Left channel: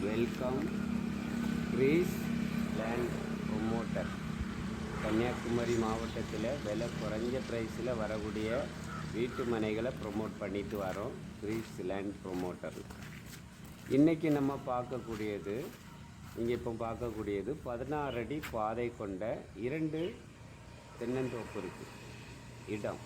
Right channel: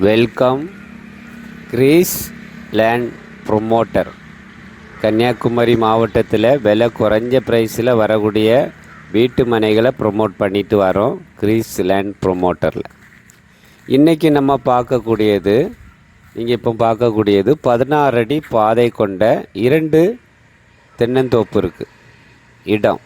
Welcome Greece land promoter Kanniyakumari மாவட்டத்தில் விலை குறைஞ்ச ப்ரைஸில் வரக்கூடிய வீட்டு மனைகளை ப்ரொமோட் பண்ணிட்டு வரோம் கிரீஸ் லேண்ட் ப்ரொமோட்டரில் இன்றைக்கி நம்ம பார்க்கக்கூடியது நீங்கள் இப்போ பார்க்கக்கூடியது பதினாறு அடி பாதை கொண்ட இரண்டு தென்னந்தோப்பு இருக்குது இடம்.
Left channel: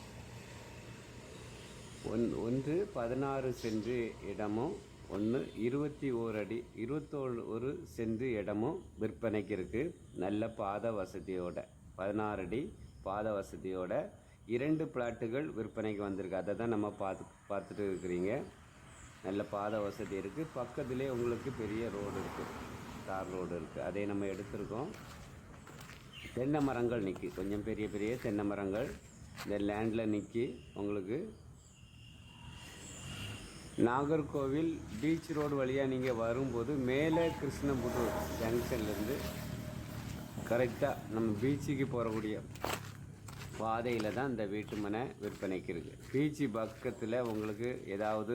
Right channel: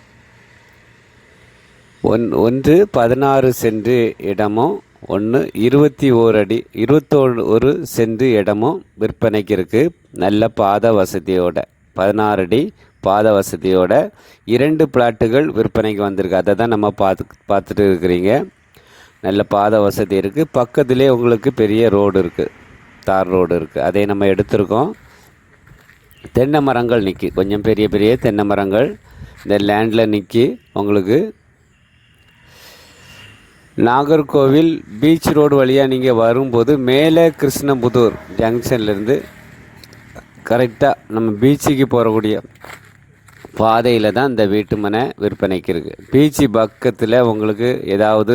ஒன் ஒன்று பதினாறு சென்ட் இடமும் ஒன்று இருபத்தி ஓர் அடி இருபத்தோரு ஒரு சென்ட் இடமும் விற்பனைக்கு இருக்குது நல்ல பாத வசதியோட பதினாறு அடி பாத வசதியோட இரண்டு பிளாட்டுகள் விற்பனைக்கு வந்திருக்கு. அதை தான் நம்ம பார்த்து பார்த்துட்டு இருக்கிறீங்க. நல்ல பாத வசதி இருக்குது பக்கத்துலேயே உங்களுக்கு பெரிய ரோடு இருக்குது தார் ரோடு இருக்குது அதை நம்ம எடுத்திருக்கோம். தென்னை மரங்கள் நிற்கி கொஞ்சம் பெரிய பெரிய தென்னை மரங்கள். இந்த லேண்டில் நிற்கி உங்களுக்கு நாகர்கோவில் பீச் ரோடு வழியாக நீங்கள் வரும்போது மேலே கிருஷ்ணபுதூர் ஜங்ஷன்லேருந்து கரெக்டாக நம்ம பீச்சுக்கு போகக்கூடிய பாதையில் தான் இந்த வீட்டு மனை விற்பனைக்கு இருக்குது பீச்சு பக்கத்தில் உங்களுக்கு ஏதாவது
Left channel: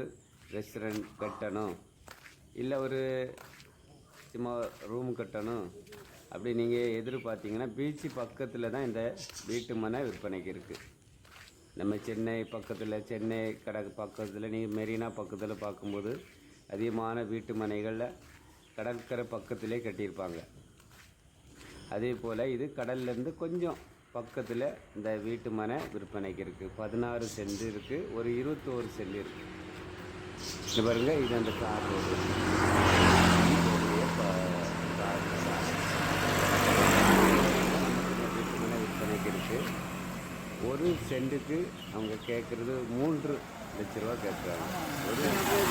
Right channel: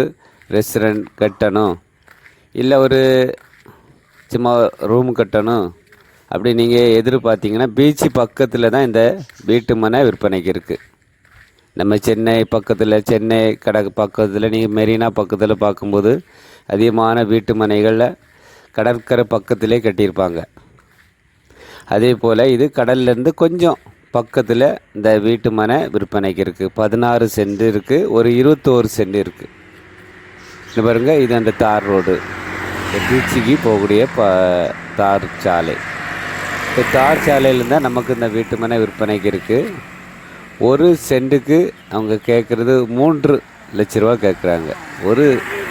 ரெஸ்டாரண்ட் கட்டணும் இல்லை ஒரு சும்மா ரூம் கட்டணும் அப்படி நீங்கள் எதிர்பார்த்தீங்கன்னா பீச்சு பக்கத்தில் தான் இந்த வீட்டு மனை விற்பனைக்கு இருக்குது நம்ம சென்னை பக்கத்தில் சென்னை கடை பக்கத்தில் நீங்கள் மெரினா பக்கத்தில் பார்க்கும்போது அதிகமான வீட்டு மனைகளில் கடற்கரை பக்கத்திலே கட்டியிருப்பாங்க. அதே போல் இது கடல்லேருந்து கொஞ்சம் பக்கத்தில் இந்த வீட்டு மனை விற்பனைக்கு இருக்குது பதினாறு சென்ட் இருக்குது ஒரு இருபத்தோரு சென்ட் இருக்குது இது பாருங்க இது அந்த தார் ரோடு. பீச்சுக்கு போகக்கூடிய ப தார் சாலை. இப்போ தார் சாலையில் இருந்தால் நமக்கு இந்த வீட்டு மனை விற்பனைக்கு இருக்குது ஒரு சென்ட்டுக்கு அவங்க கேட்குறது மூன்று லட்ச ரூபா கேட்குறாங்க. ஒரு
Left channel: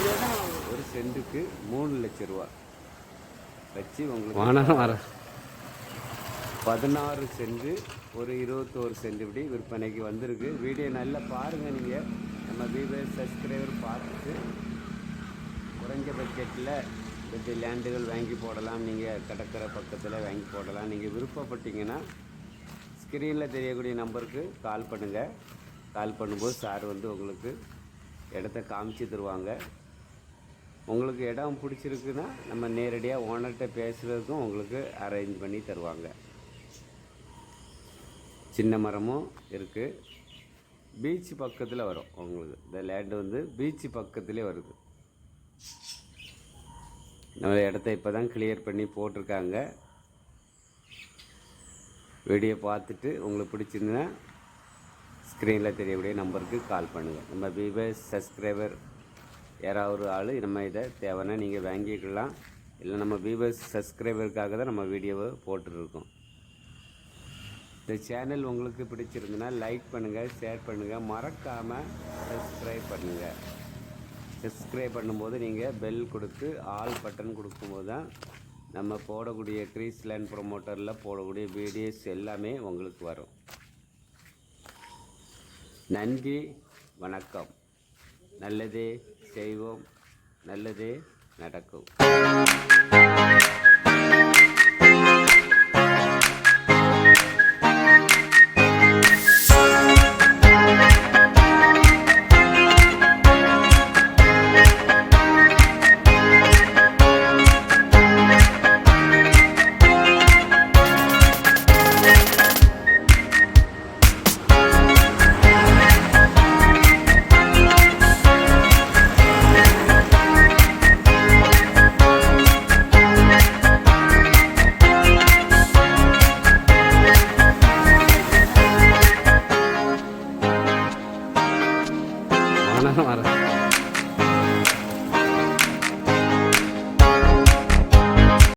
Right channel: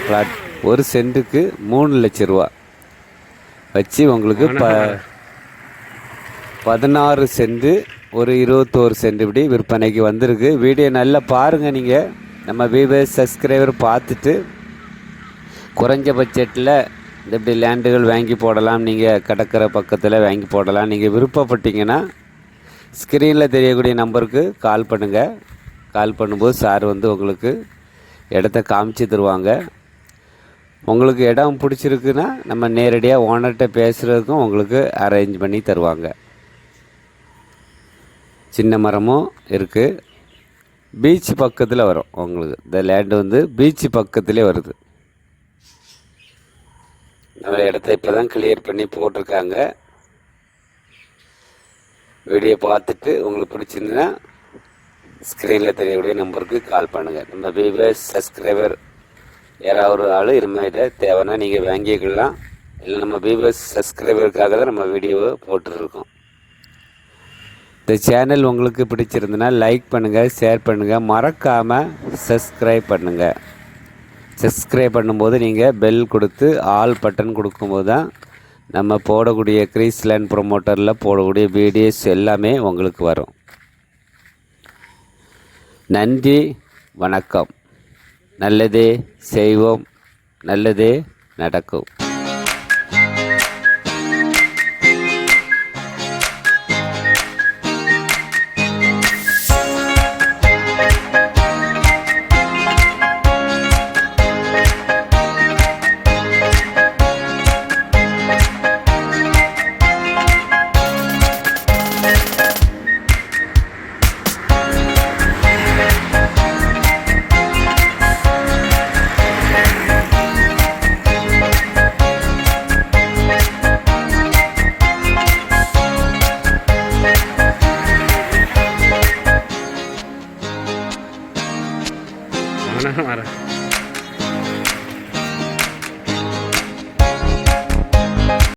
பிளாட் ஒரு சென்ட்டுக்கு மூணு லட்ச ரூபா. வச்சு உங்களுக்கு ப பதினாறு செண்டு ஒரு இருபத்தோரு சென்ட் இப்படி விற்பனைக்கு வந்திருக்கு. வீடியோ நல்லா பாருங்கள் நீங்கள் நம்ம வியூவர்ஸ் சப்ஸ்கிரைபர் பார்த்துட்டு குறைஞ்ச பட்ஜெட்டில் இந்த இப்படி லேண்டுகள் வாங்கி போடலாம். நீங்கள் கடற்கரை பக்கத்தில் வாங்கி போடலாம். நீங்கள் விருப்பப்பட்டீங்கன்னா ஸ்க்ரீனில் தெரியக்கூடிய நம்பருக்கு கால் பண்ணுங்கள் கால் பண்ணும்போது சார் வந்து உங்களுக்கு இடத்த காமிச்சு தருவாங்க. உங்களுக்கு இடம் பிடிச்சிருக்குன்னா நம்ம நேரடியாக ஓனர்கிட்ட பேசுகிறதுக்கும் உங்களுக்கு அரேஞ்ச் பண்ணி தருவாங்க. சின்ன மரமும் இருக்குது பீச் பக்கத்தில் வரும் உங்களுக்கு. இந்த லேண்டு வந்து பீச் பக்கத்திலே வருது. நல்ல இடத்த இப்போ தான் கிளியர் பண்ணி போட்டிருக்காங்க. வீடியோ பார்த்துட்டு உங்களுக்கு பிடிச்சிருந்ததுன்னா ஸ்க்ரீனில் தெரியக்கூடிய நம்பருக்கு கால் பண்ணுங்கள் நம்ம வியூவர்ஸ் சப்ஸ்கிரைபர் யாராவது ஒரு ஆள் இருமையிட்ட தேவைன்னா நீங்கள் வாங்கிக்கலாம். இல்லை நம்ம வியூவர்ஸ் சப்ஸ்கிரைபருக்காக தான் நம்ம வீடியோவை போட்டுருக்கோம் இந்த சேனல் உங்களுக்கு பிடிச்சிருந்துன்னா லைக் பண்ணுங்கள் ஷேர் பண்ணுங்கள் மறக்காமல் சப்ஸ்கிரைப் பண்ணுங்கள் சப்ஸ்கிரைப் பண்ணும்போது நீங்கள் பெல் கொடுத்து ஆல் பட்டன் கொடுக்கும்போது தான் நம்ம போடக்கூடிய கிரீஸ்லேண்ட் ப்ரொமோட்டரில் போடக்கூடிய வீடியோஸ் எல்லாமே உங்களுக்கு வரும். நன்றி வணக்கம். நல்லதே செய்வோம் நல்லதே நடக்கும். வணக்கம் வரேன்